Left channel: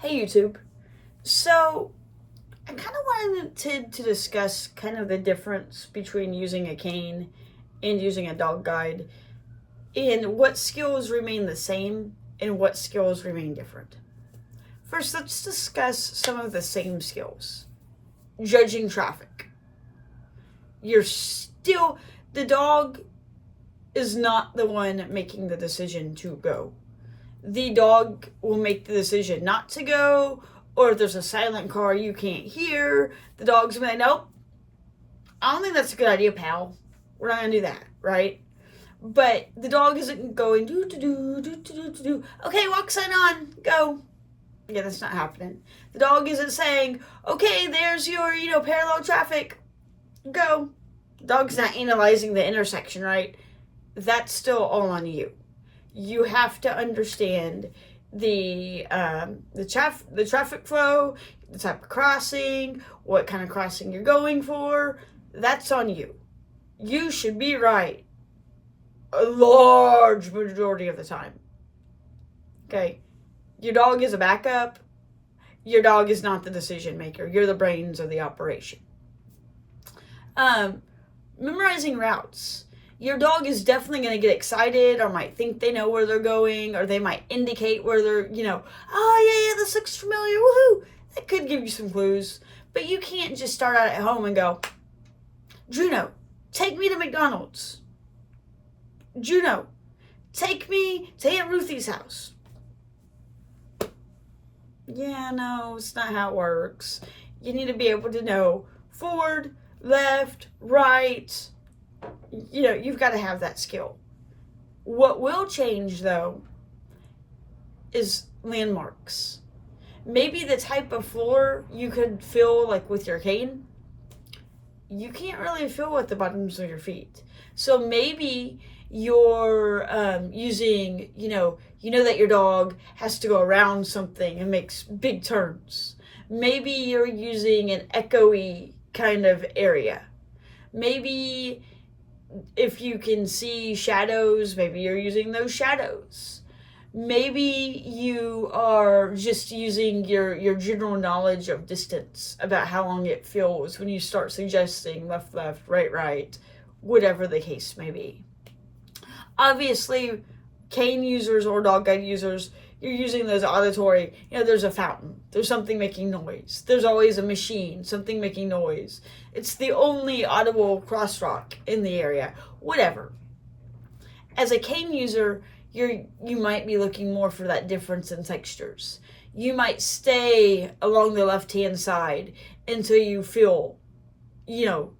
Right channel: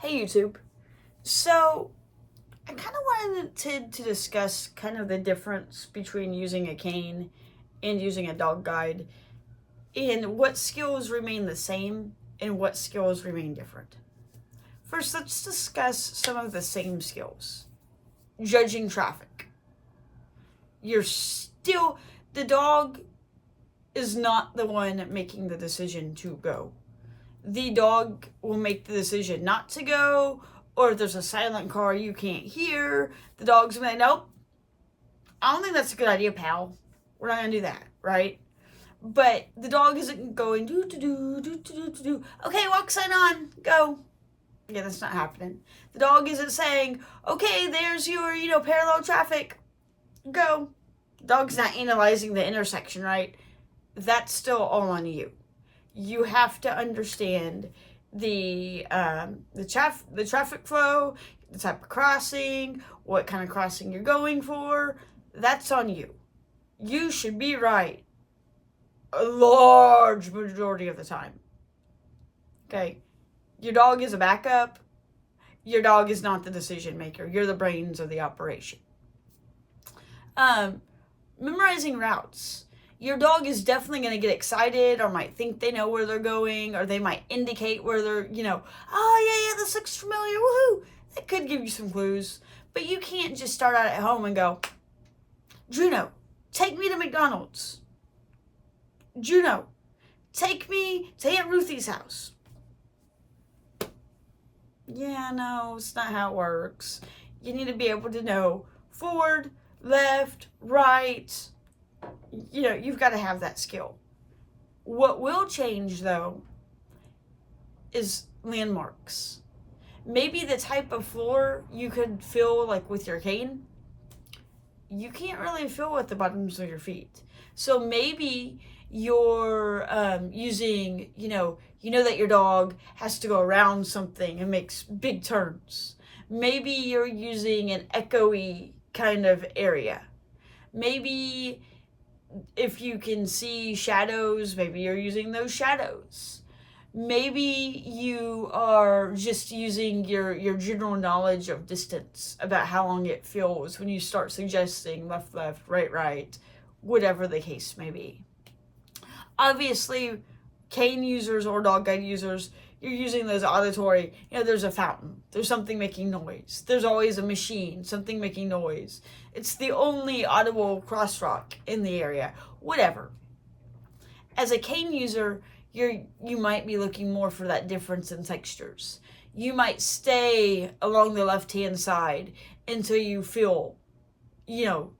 Hey YouTube. So I kind of wanted to discuss kind of the difference between using a cane and using a dog guide, and what skills remain the same and what skills remain different. First, let's discuss some of the same skills. Judging traffic. The dog is not the one making the decision to go. The dog will make the decision not to go, or if there's a silent car you can't hear, the dog's gonna be like, nope, I don't think that's a good idea, pal. We're not gonna do that, right? But the dog isn't going do. Okay, walk sign on, go. Yeah, that's not happening. The dog isn't saying, okay, there's your, parallel traffic, go. The dog's not analyzing the intersection, right? That's still all on you. You have to understand the traffic flow, the type of crossing, what kind of crossing you're going for. That's on you. You should be right a large majority of the time. Okay? Your dog is a backup. Your dog is not the decision maker. You're the brains of the operation. Memorizing routes. Your dog is definitely going to get excited, or might think they know where they're going, or they might indicate where they're, oh, yeah, this looks familiar, woohoo. That could give you some clues. But you can't just start out at home and go, Juno, take me to McDonald's. Juno, take me to Aunt Ruthie's house. Yeah, no, it's not how it works. You need to be able to know forward, left, right. You've got to have that skill. What will change, though, is landmarks. Maybe the type of floor you could feel like with your cane, you can't really feel with the bottoms of your feet. So maybe you're using, that your dog has to go around something and makes big turns. Maybe you're using an echoey kind of area. Maybe if you can see shadows, maybe you're using those shadows. Maybe you are just using your general knowledge of distance about how long it feels when you start suggesting left, right, whatever the case may be. Obviously, cane users or dog guide users, you're using those auditory, there's a fountain, there's something making noise, there's always a machine, something making noise. It's the only audible crosswalk in the area, whatever. As a cane user, you might be looking more for that difference in textures. You might stay along the left-hand side until you feel,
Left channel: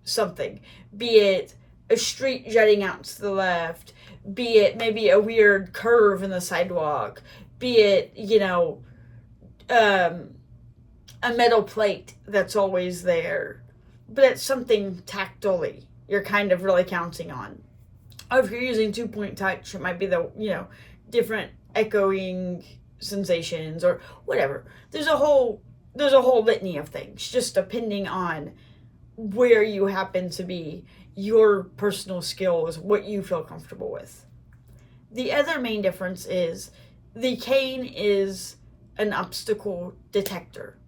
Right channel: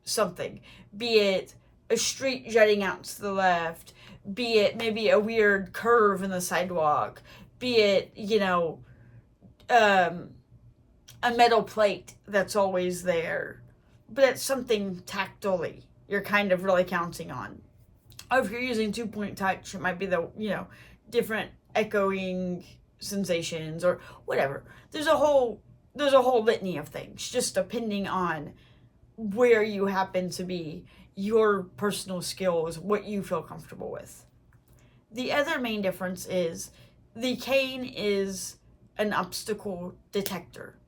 something. Be it a street jutting out to the left, be it maybe a weird curve in the sidewalk, be it, a metal plate that's always there. But it's something tactily you're kind of really counting on. Or if you're using 2-point touch, it might be the, different echoing sensations or whatever. There's a whole litany of things, just depending on where you happen to be, your personal skills, what you feel comfortable with. The other main difference is the cane is an obstacle detector.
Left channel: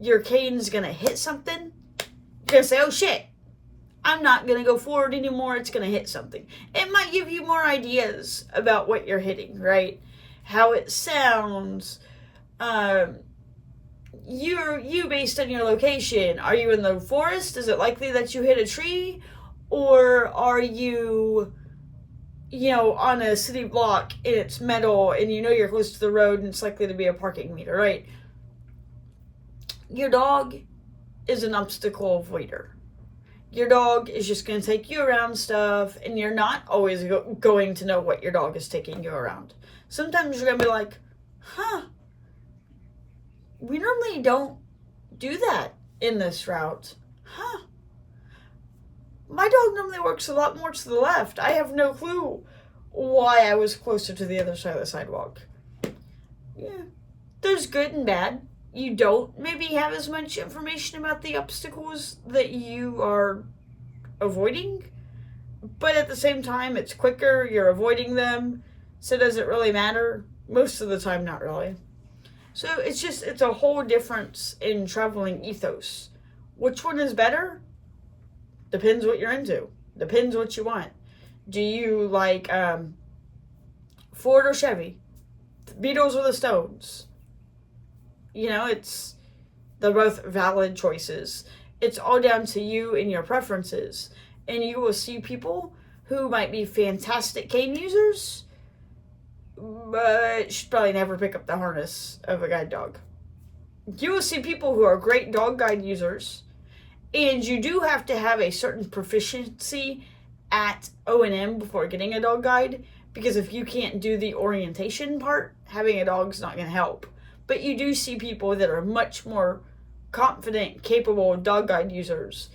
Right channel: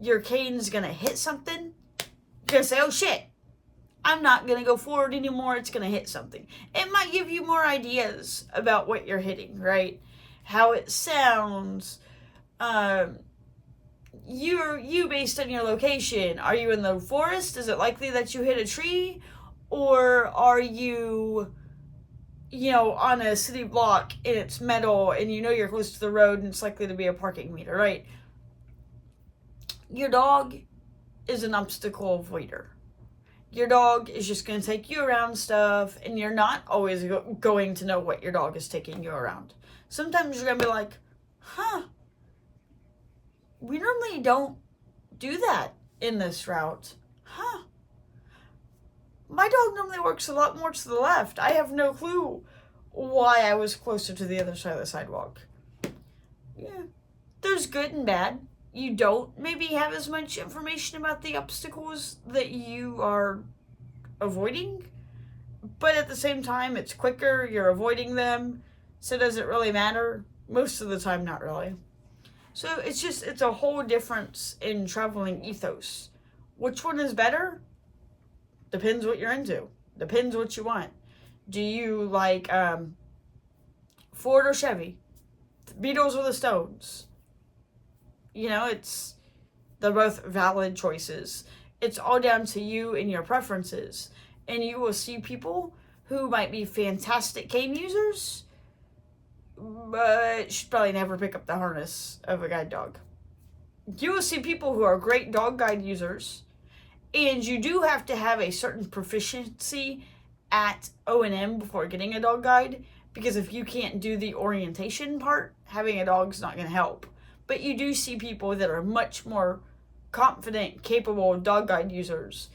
Your cane's gonna hit something, you're gonna say, oh shit, I'm not gonna go forward anymore, it's gonna hit something. It might give you more ideas about what you're hitting, right? How it sounds. You based on your location. Are you in the forest? Is it likely that you hit a tree? Or are you, on a city block and it's metal and you're close to the road and it's likely to be a parking meter, right? Your dog is an obstacle avoider. Your dog is just going to take you around stuff, and you're not always going to know what your dog is taking you around. Sometimes you're going to be like, we normally don't do that in this route. My dog normally works a lot more to the left. I have no clue why I was closer to the other side of the sidewalk. Yeah, there's good and bad. You don't maybe have as much information about the obstacles that you are avoiding, but at the same time, it's quicker, you're avoiding them, so does it really matter? Most of the time, not really. So it's a whole difference in traveling ethos. Which one is better? Depends what you're into. Depends what you want. Do you like Ford or Chevy? The Beatles or the Stones? They're both valid choices. It's all down to you and your preferences. And you will see people who might be fantastic cane users, but should probably never pick up the harness of a guide dog. You will see people who are great dog guide users, and you do have to have a certain proficiency at O&M before getting a dog guide, because if you can't do the orientation part, having a dog's not going to help. But you do see people that are much more confident, capable dog guide users,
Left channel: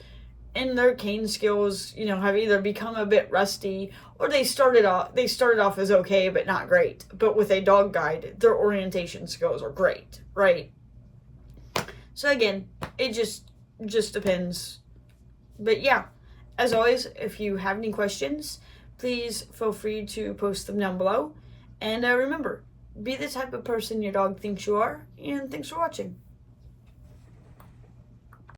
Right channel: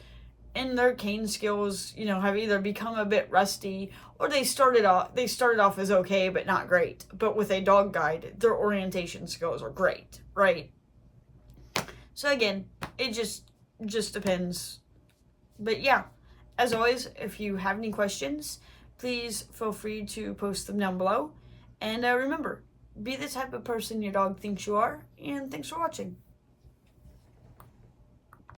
and their cane skills, have either become a bit rusty, or they started off as okay but not great. But with a dog guide, their orientation skills are great, right? So again, it just depends. But yeah, as always, if you have any questions, please feel free to post them down below. And remember, be the type of person your dog thinks you are, and thanks for watching.